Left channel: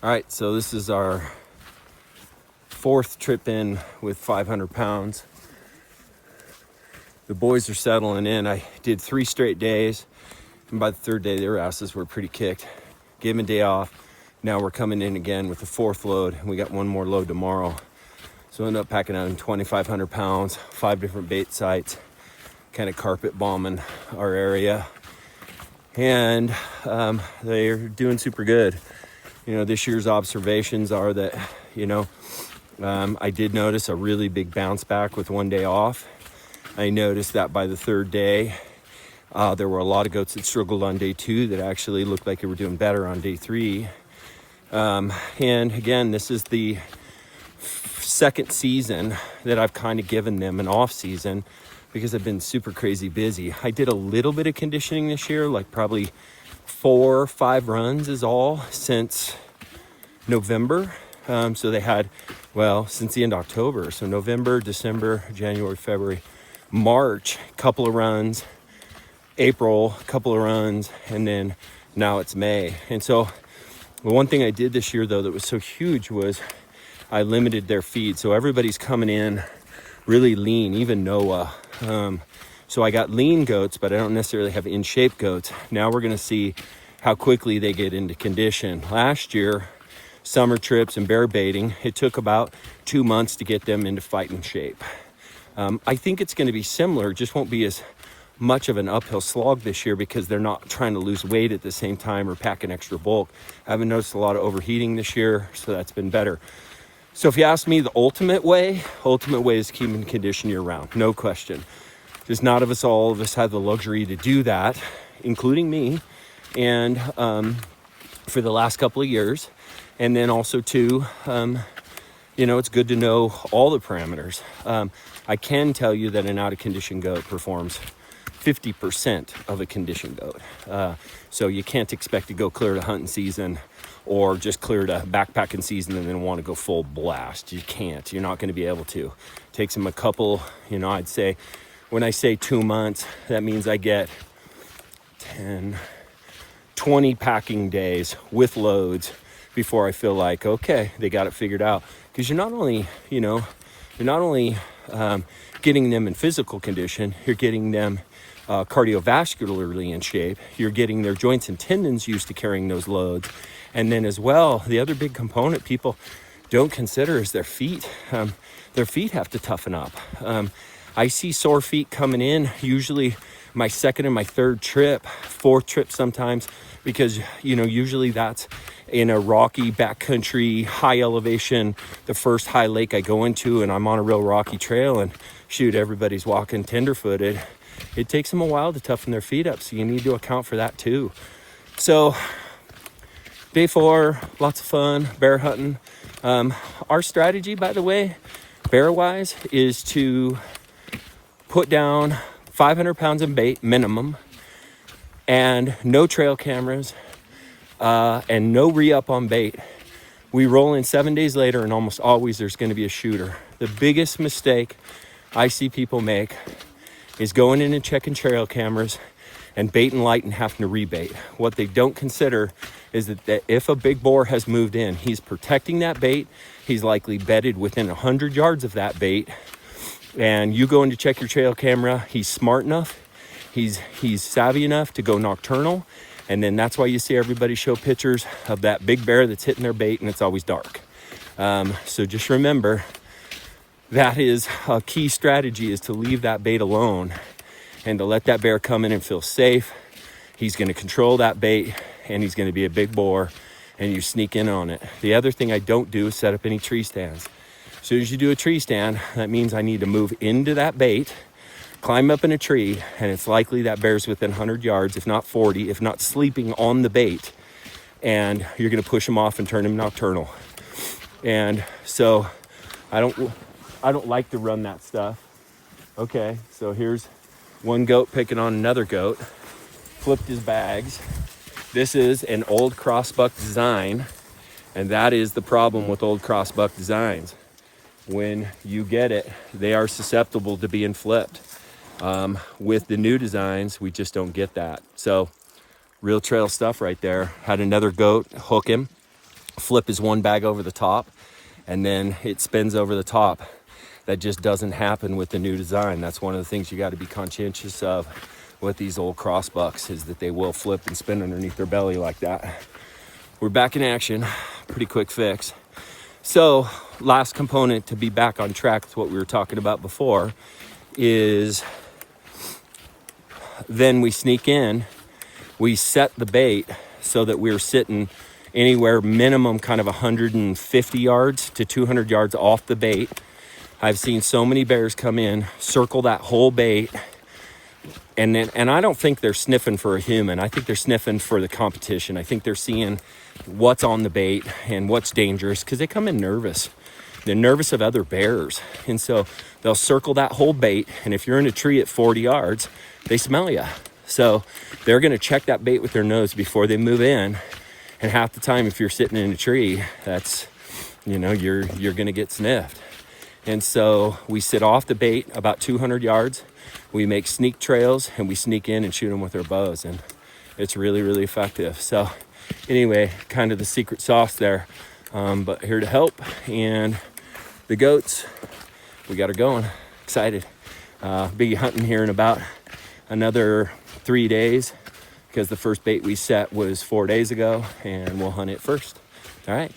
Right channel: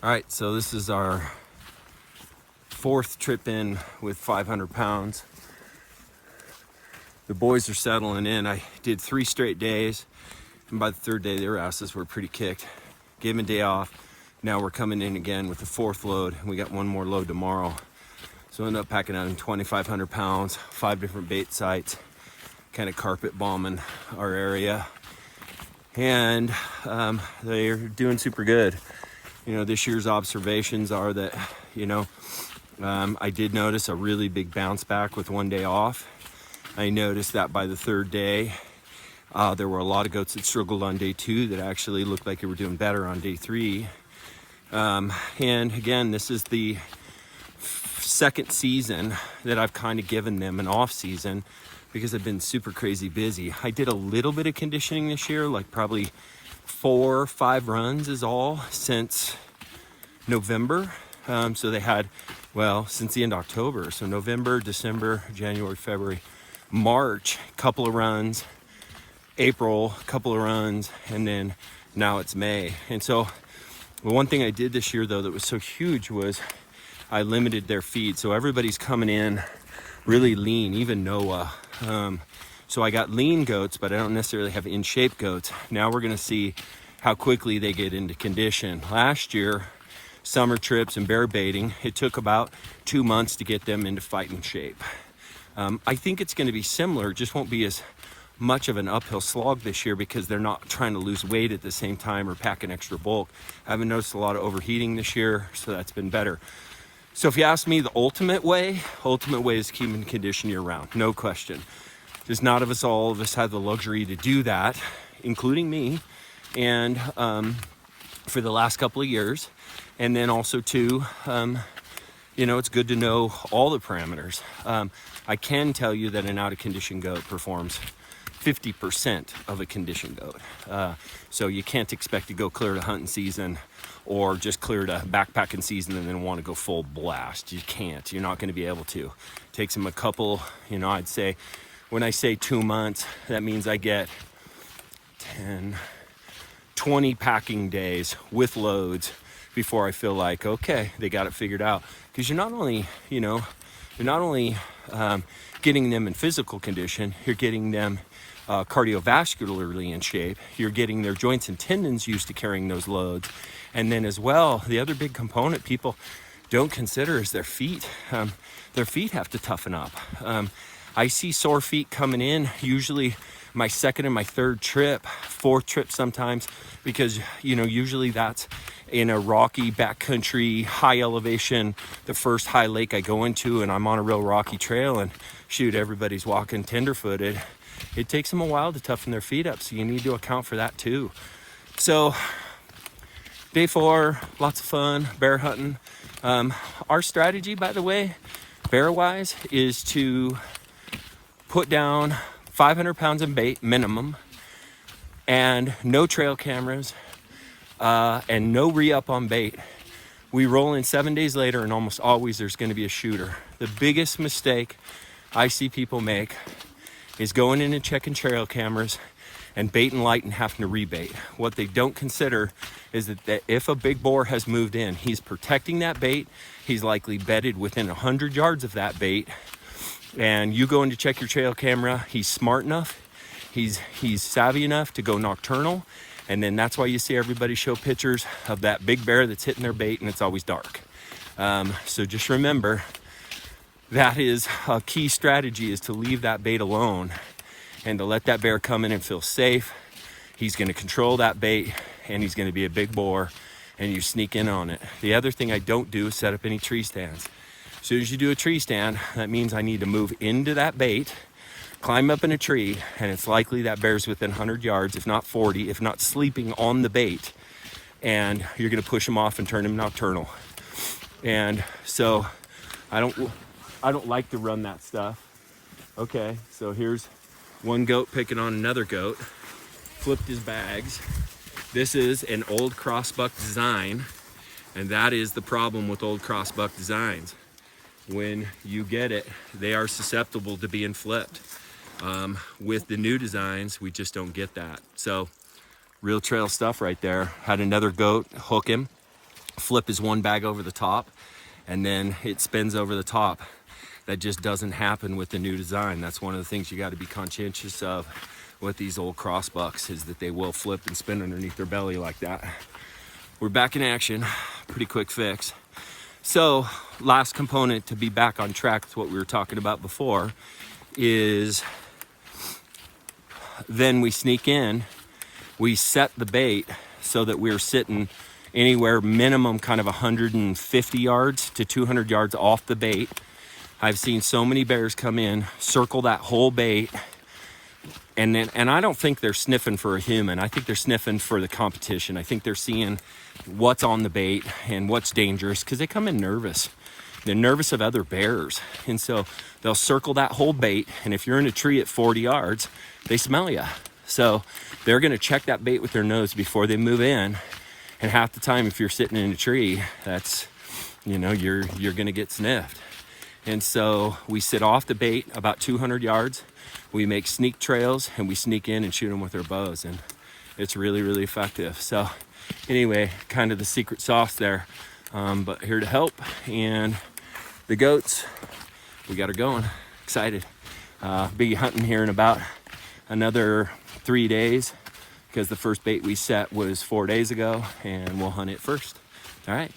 All right, so this is our fourth trip in with 500 pounds. The boys are settling in. I did 3 straight days, and by the third day, their asses were pretty kicked. Gave them a day off. Now we're coming in again with the 4th load, and we got 1 more load tomorrow. So I ended up packing out in 2,500 pounds, 5 different bait sites, kind of carpet bombing our area. And they're doing super good. You know, this year's observations are that, I did notice a really big bounce back with 1 day off. I noticed that by the 3rd day, there were a lot of goats that struggled on day 2 that actually looked like they were doing better on day 3. And again, this is the 2nd season that I've kind of given them an off season because I've been super crazy busy. I did a little bit of conditioning this year, like probably 4 or 5 runs is all since November. So they had, since the end of October. So November, December, January, February, March, couple of runs, April, couple of runs, and then now it's May. And so the one thing I did this year though that was so huge was I limited their feed. So everybody's coming in really lean, even Noah. So I got lean goats, but I don't necessarily have in shape goats. Now we're gonna see how quickly they get into condition. Last year, summer trips and bear baiting, it took about 2 months to get them into fighting shape. I think it's gonna be similar, just won't be as much of an uphill slog this year because they're not trying to lose weight at the same time or pack an extra bulk. I haven't noticed a lot of overheating this year, so that's been better. So if you ask me the ultimate way is keeping condition year round, no question. Just not all of us have the luxury to do that, including me, and for the last couple of years. And then also too, it's good to know all the parameters. I can tell you that an out of condition goat performs 50% of a conditioned goat. So you can't expect to go clear to hunting season or just clear to backpacking season and then want to go full blast. You can't. You're not going to be able to. It takes them a couple, I'd say, when I say 2 months, that means I get 10, 20 packing days with loads before I feel like, okay, they got it figured out. Because you're not only getting them in physical condition, you're getting them cardiovascularly in shape. You're getting their joints and tendons used to carrying those loads. And then as well, the other big component people don't consider is their feet. Their feet have to toughen up. I see sore feet coming in, usually my 2nd and my 3rd trip, 4th trip sometimes, because, usually that's in a rocky backcountry, high elevation, the first high lake I go into, and I'm on a real rocky trail, and shoot, everybody's walking tenderfooted. It takes them a while to toughen their feet up, so you need to account for that too. So day 4, lots of fun, bear hunting. Our strategy, by the way, bear-wise, is to put down 500 pounds of bait minimum and no trail cameras and no re-up on bait. We roll in 7 days later and almost always there's going to be a shooter. The biggest mistake I see people make is going in and checking trail cameras and bait and light and having to rebait. What they don't consider is that if a big boar has moved in, he's protecting that bait. He's likely bedded within 100 yards of that bait. And you go in to check your trail camera, he's smart enough, he's savvy enough to go nocturnal. And then that's why you see everybody show pictures of that big bear that's hitting their bait and it's always dark. So just remember, that is a key strategy, is to leave that bait alone and to let that bear come in and feel safe. He's gonna control that bait and he's gonna be a big boar and you sneak in on it. The other thing I don't do is set up any tree stands. As soon as you do a tree stand, that means I need to move into that bait, climb up in a tree, and it's likely that bear's within 100 yards, if not 40, if not sleeping on the bait. And you're gonna push him off and turn him nocturnal. And so I don't like to run that stuff. Okay, so here's one goat picking on another goat, flipped his bags. This is an old crossbuck design, and that is the problem with old crossbuck designs. When you get it, they are susceptible to being flipped. With the new designs, we just don't get that. So real trail stuff right there. Had another goat hook him. flip is one bag over the top, and then it spins over the top. That just doesn't happen with the new design. That's one of the things you got to be conscientious of with these old crossbucks, is that they will flip and spin underneath their belly like that. We're back in action, pretty quick fix. So last component to be back on track with what we were talking about before is then we sneak in, we set the bait so that we're sitting anywhere minimum kind of 150 yards to 200 yards off the bait. I've seen so many bears come in, circle that whole bait, and I don't think they're sniffing for a human. I think they're sniffing for the competition. I think they're seeing what's on the bait and what's dangerous, because they come in nervous. They're nervous of other bears. And so they'll circle that whole bait, and if you're in a tree at 40 yards, they smell you. So they're gonna check that bait with their nose before they move in. And half the time, if you're sitting in a tree, that's, you know, you're gonna get sniffed. And so we sit off the bait about 200 yards. We make sneak trails, and we sneak in and shoot them with our bows, and it's really, really effective. So anyway, kind of the secret sauce there, but here to help. And the goats, we got her going. Excited. Be hunting here in about another 3 days, because the first bait we set was 4 days ago, and we'll hunt it first. All right.